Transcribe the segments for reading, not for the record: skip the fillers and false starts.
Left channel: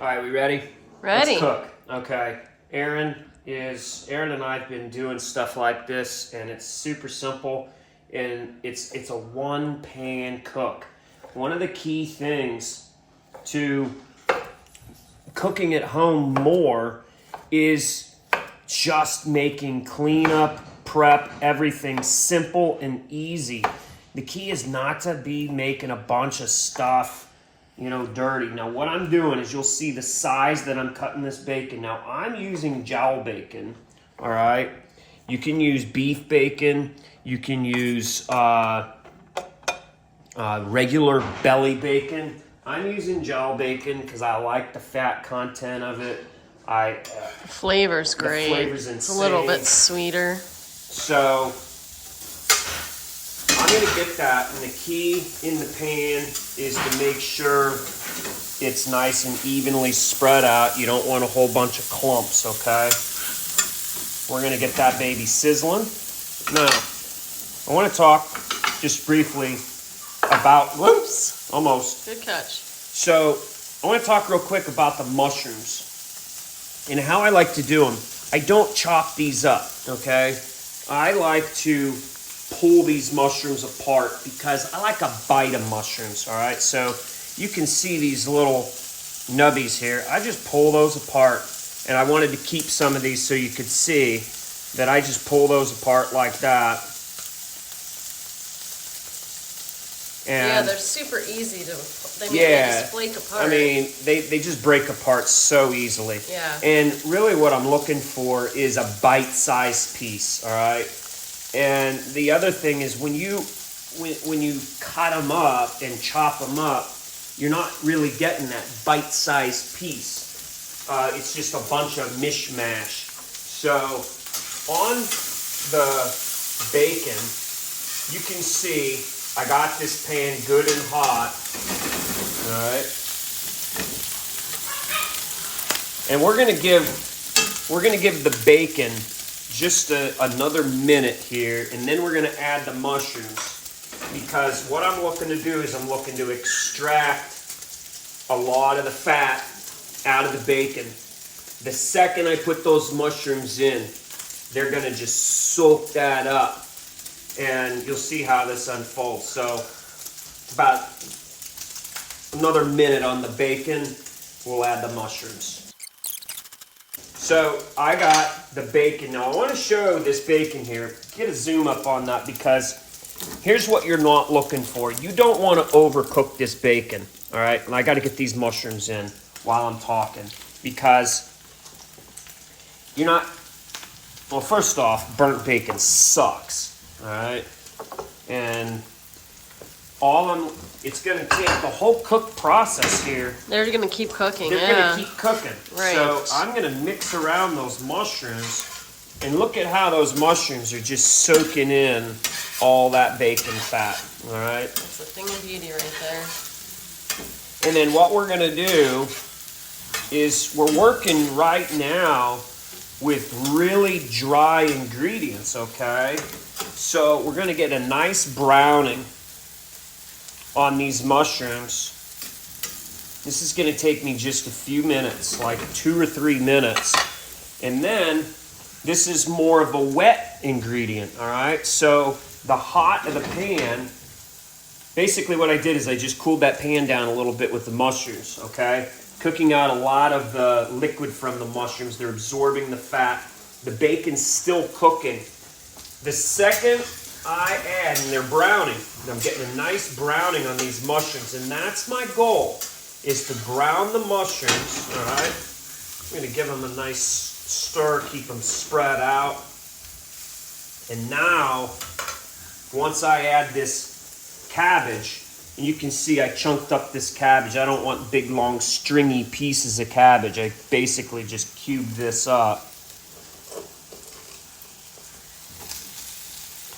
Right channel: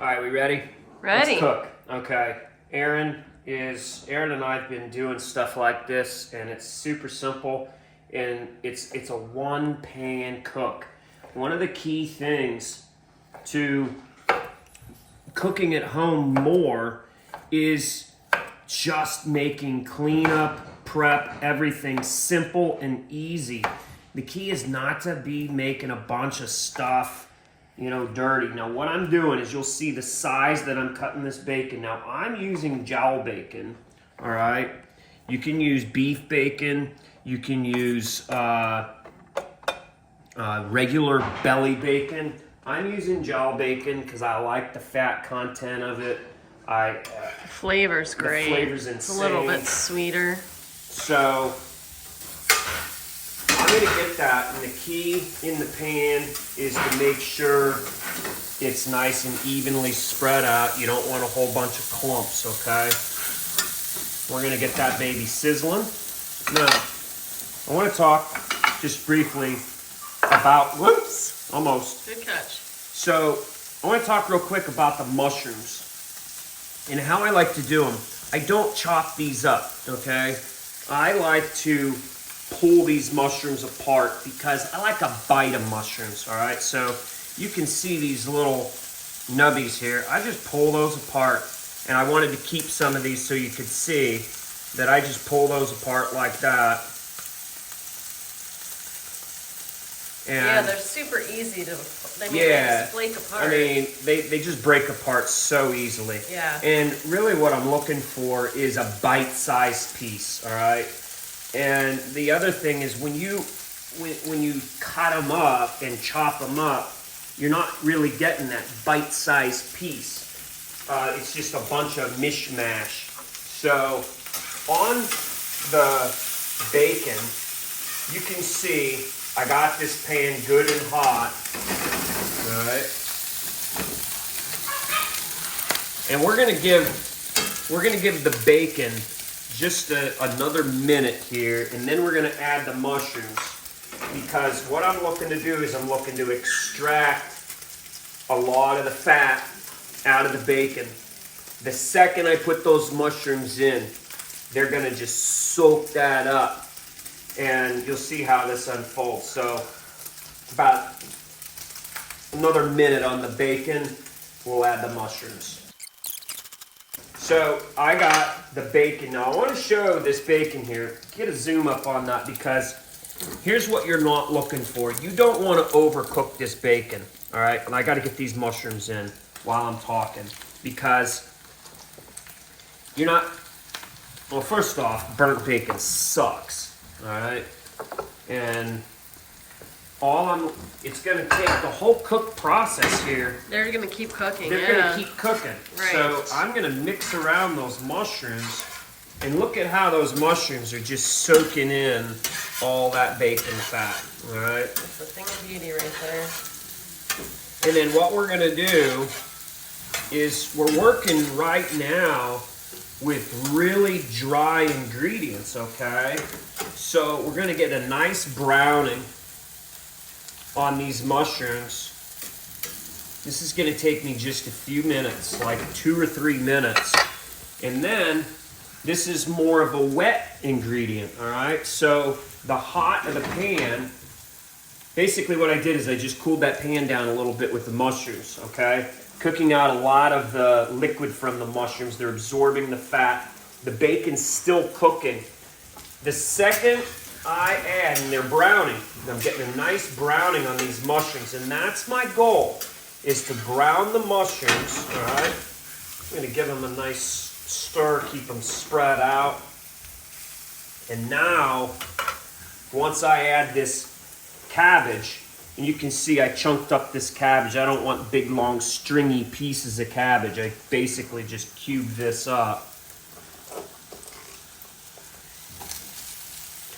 All right, we ready? Ready. Let's cook. Okay. Aaron and I have been doing stuff like this, and it's super simple, and it's a one-pan cook. One of the key things to cooking at home more is just making cleanup, prep, everything simple and easy. The key is not to be making a bunch of stuff, dirty. Now what I'm doing is, you'll see the size that I'm cutting this bacon. Now I'm using jowl bacon, all right? You can use beef bacon. You can use regular belly bacon. I'm using jowl bacon because I like the fat content of it. The flavor's great. The flavor's insane. It's a little bit sweeter. So I'm going to get that, and the key in the pan is to make sure it's nice and evenly spread out. You don't want a whole bunch of clumps, okay? We're going to get that baby sizzling. Now, I want to talk just briefly about, almost. Good catch. So I want to talk real quick about the mushrooms and how I like to do them. I don't chop these up, okay? I like to pull these mushrooms apart because I like a bite of mushrooms, all right? So you can see these little nubbies here. I just pull those apart, and I wanted to keep some of these so you could see that I just pull those apart like that. And yeah, they're super easy to, they just flake apart. I mean, they just break apart so easily. Yeah. And really what I'm looking for is a bite-sized piece, all right? And the other thing is, when you cut them up and chop them up, you're not really getting that bite-sized piece. It's just a bunch of mishmash. So on the bacon, you can see I got this pan good and hot. All right. And we're gonna give the bacon just another minute here, and then we're going to add the mushrooms, because what I'm looking to do is I'm looking to extract a lot of the fat out of the bacon. The second I put those mushrooms in, they're going to just soak that up, and you'll see how this unfolds. So about another minute on the bacon, we'll add the mushrooms. So I got the bacon. Now I want to show this bacon here. Get a zoom up on that, because here's what you're not looking for. You don't want to overcook this bacon, all right? And I got to get these mushrooms in while I'm talking, because you're not, well, first off, burnt bacon sucks, all right? And it's going to take the whole cook process here. They're going to keep cooking. They're going to keep cooking. Right. So I'm going to mix around those mushrooms, and look at how those mushrooms are just soaking in all that bacon fat. All right. That's the thing of beauty right there. And then what we're going to do is, we're working right now with really dry ingredients, okay? So we're going to get a nice browning on these mushrooms. This is going to take me just a few minutes, like 2 or 3 minutes. And then this is more of a wet ingredient, all right? So the hot of the pan, basically what I did is I just cooled that pan down a little bit with the mushrooms, okay? Cooking out a lot of the liquid from the mushrooms. They're absorbing the fat. The bacon's still cooking. The second I add, and they're browning, I'm getting a nice browning on these mushrooms, and that's my goal, is to brown the mushrooms, all right? I'm going to give them a nice stir, keep them spread out. And now, once I add this cabbage, and you can see I chunked up this cabbage. I don't want big, long, stringy pieces of cabbage. I basically just cubed this up.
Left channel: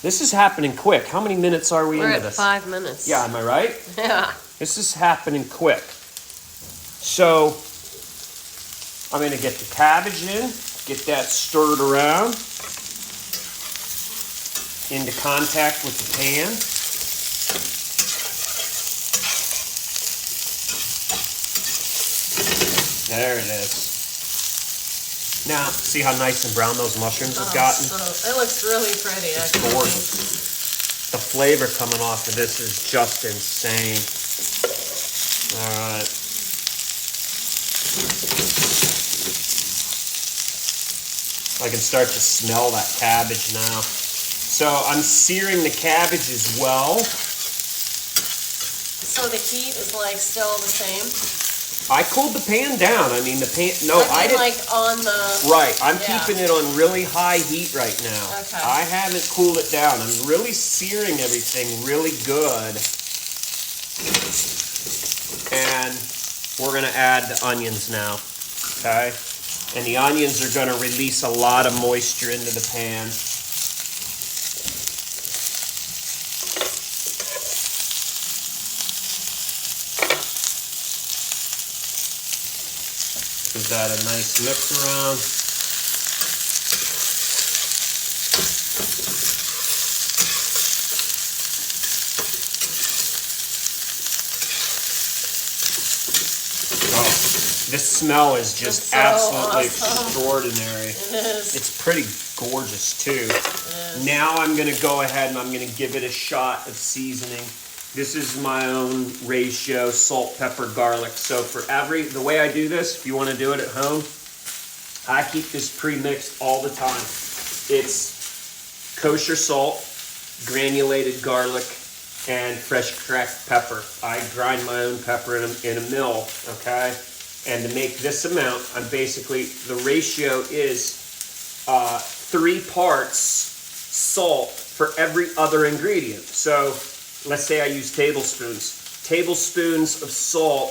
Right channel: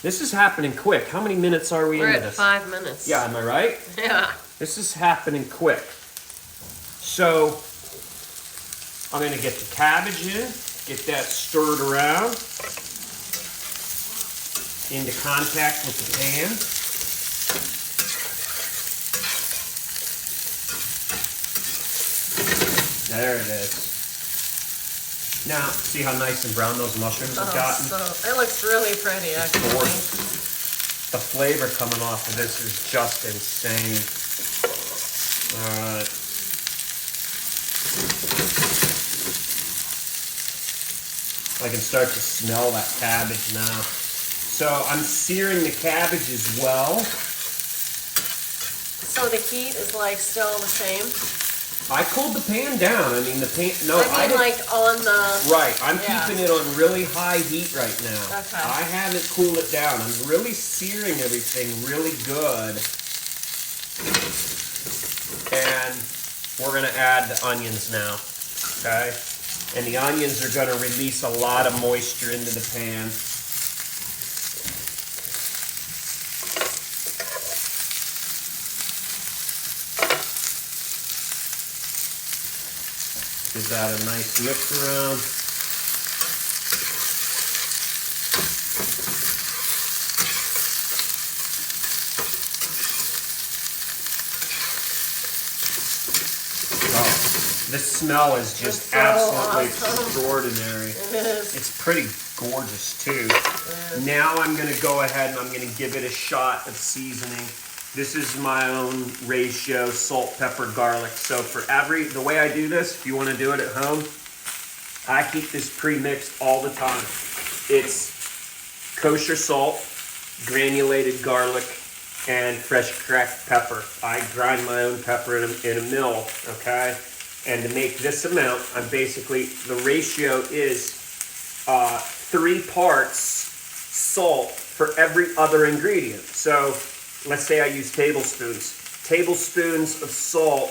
This is happening quick. How many minutes are we into this? We're at 5 minutes. Yeah, am I right? Yeah. This is happening quick. So I'm going to get the cabbage in, get that stirred around into contact with the pan. There it is. Now, see how nice and brown those mushrooms have gotten? So, it looks really pretty, actually. Gorgeous. The flavor coming off of this is just insane. All right. I can start to smell that cabbage now. So I'm searing the cabbage as well. So the heat is like still the same? I cooled the pan down. I mean, the pan, no, I mean, like on the... Right, I'm keeping it on really high heat right now. Okay. I haven't cooled it down. I'm really searing everything really good. And we're gonna add the onions now, okay? And the onions are gonna release a lot of moisture into the pan. Give that a nice mix around. This smell is just so absolutely awesome. Extraordinary. It is. It's pretty gorgeous too. Now I'm going to go ahead and I'm going to give it a shot of seasoning. This is my own ratio, salt, pepper, garlic. So for the way I do this, if you want to do it at home, I keep this pre-mixed all the time. It's kosher salt, granulated garlic, and fresh cracked pepper. I grind my own pepper in a mill, okay? And to make this amount, I'm basically, the ratio is 3 parts salt for every other ingredient. So let's say I use tablespoons. Tablespoons of salt,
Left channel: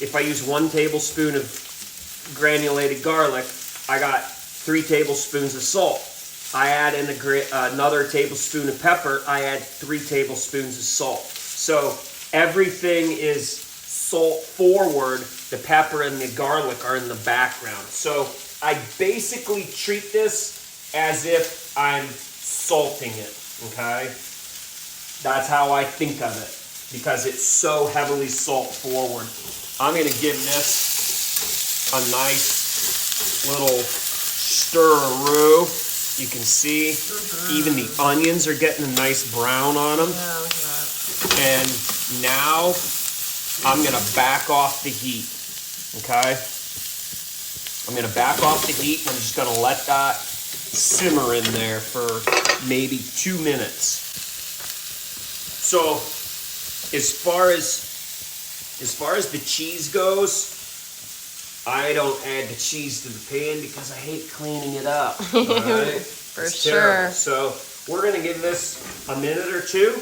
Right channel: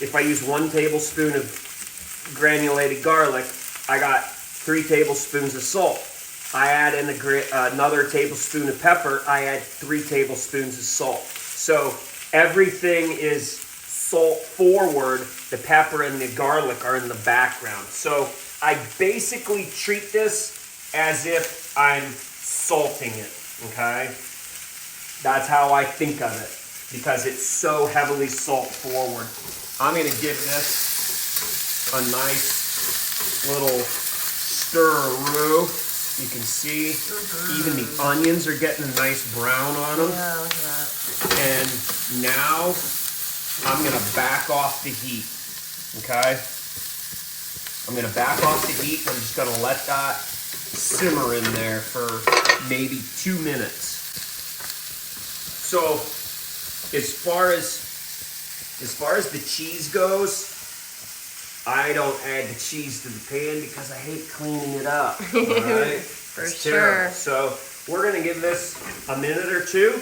if I use 1 tablespoon of granulated garlic, I got 3 tablespoons of salt. I add in another tablespoon of pepper, I add 3 tablespoons of salt. So everything is salt forward, the pepper and the garlic are in the background. So I basically treat this as if I'm salting it, okay? That's how I think of it, because it's so heavily salt forward. I'm gonna give this a nice little stir-a-roo. You can see even the onions are getting a nice brown on them. Yeah, look at that. And now I'm gonna back off the heat, okay? I'm gonna back off the heat and I'm just gonna let that simmer in there for maybe 2 minutes. So as far as the cheese goes, I don't add the cheese to the pan because I hate cleaning it up. All right? For sure. So we're gonna give this a minute or two.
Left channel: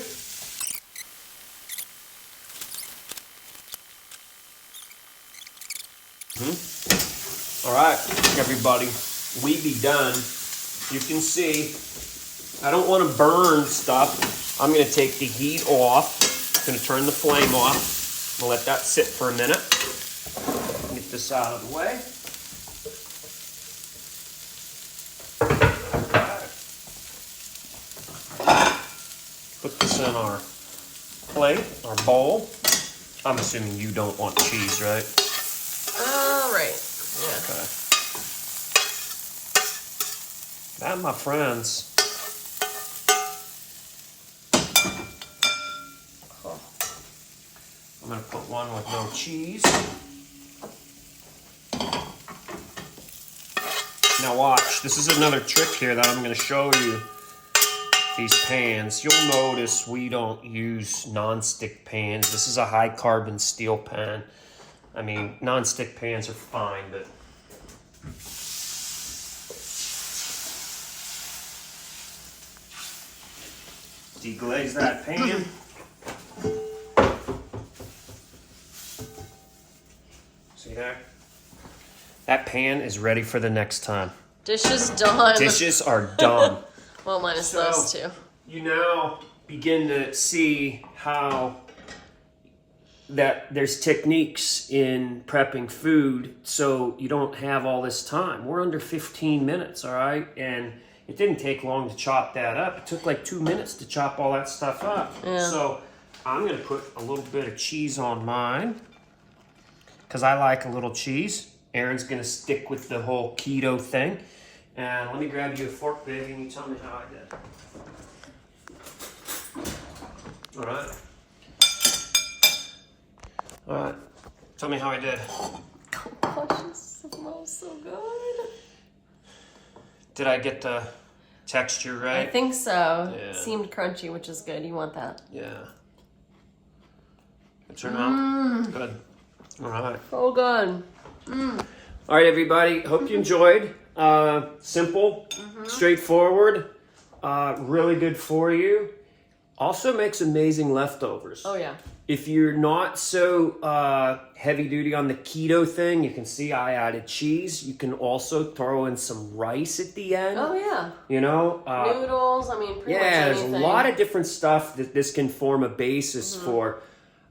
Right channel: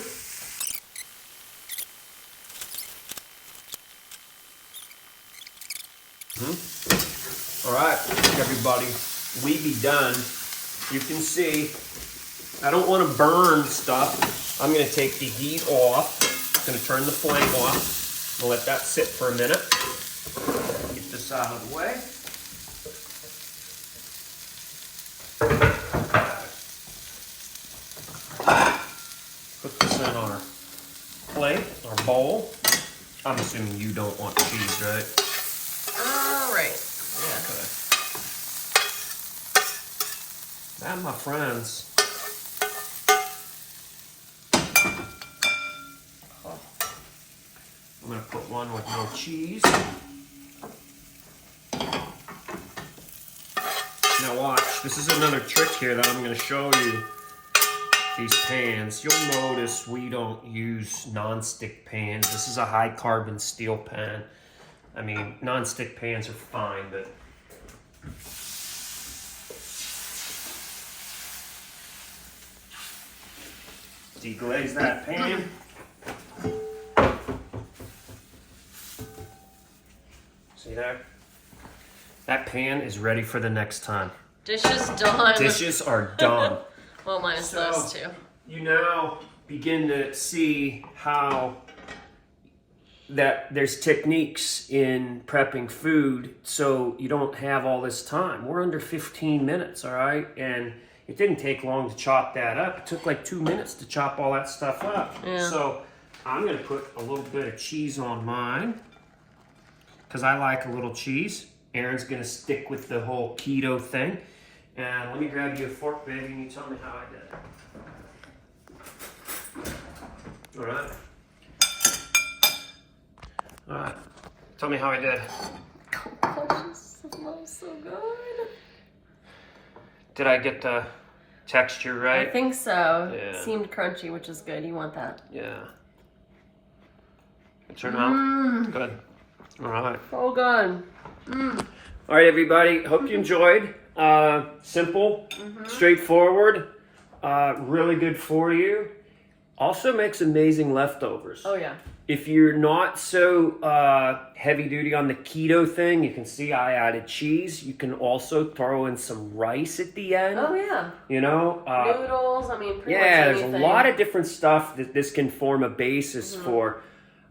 All right, everybody, we be done. You can see, I don't want to burn stuff. I'm gonna take the heat off. I'm gonna turn the flame off. I'll let that sit for a minute. Get this out of the way. Put this in our plate, our bowl. I'm assuming you don't want cheese, right? Right. Yeah. Okay. That, my friends, I'm going to put one with no cheese. Now watch, this is another trick here that I'm going to show you. These pans, you'll notice we don't use non-stick pans. This is a high carbon steel pan. I mean, non-stick pans are fine, but deglaze that pan. See that? That pan is ready for the next time. Dishes done. Dishes are done. Well, minus those two. You now begin to see how that there's techniques in prepping food so you don't have all this time. We're under 15 minutes, all right? And it didn't take long to chop that up. It took like 2 minutes to chop all that stuff up. Yeah. So I'm gonna put a little bit of cheese on mine because I like a little cheese. Aaron's gonna stick with the whole keto thing. And let me grab you a fork, baby, and you tell me how I did. All right. All right. Tell me how I did. Oh gosh, this smells so good. Did I get the texture right? I think so. Yeah. It seemed crunchy, which is good. You want that. Yeah. It turned out good. All right. So good. All right, everybody. Hope you enjoyed. Simple, straightforward, really good for you. Also makes amazing leftovers. Oh yeah. If you're not so heavy duty on the keto thing, you can see I added cheese. You can also throw in some rice at the end. Oh yeah. You know? Noodles, I mean, pretty much there's anything. a lot of different stuff that this can form a basis for.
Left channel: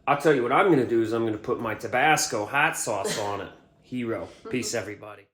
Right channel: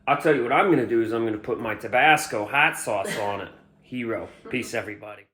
I'll tell you what I'm going to do is I'm going to put my Tabasco hot sauce on it. Hero. Peace, everybody.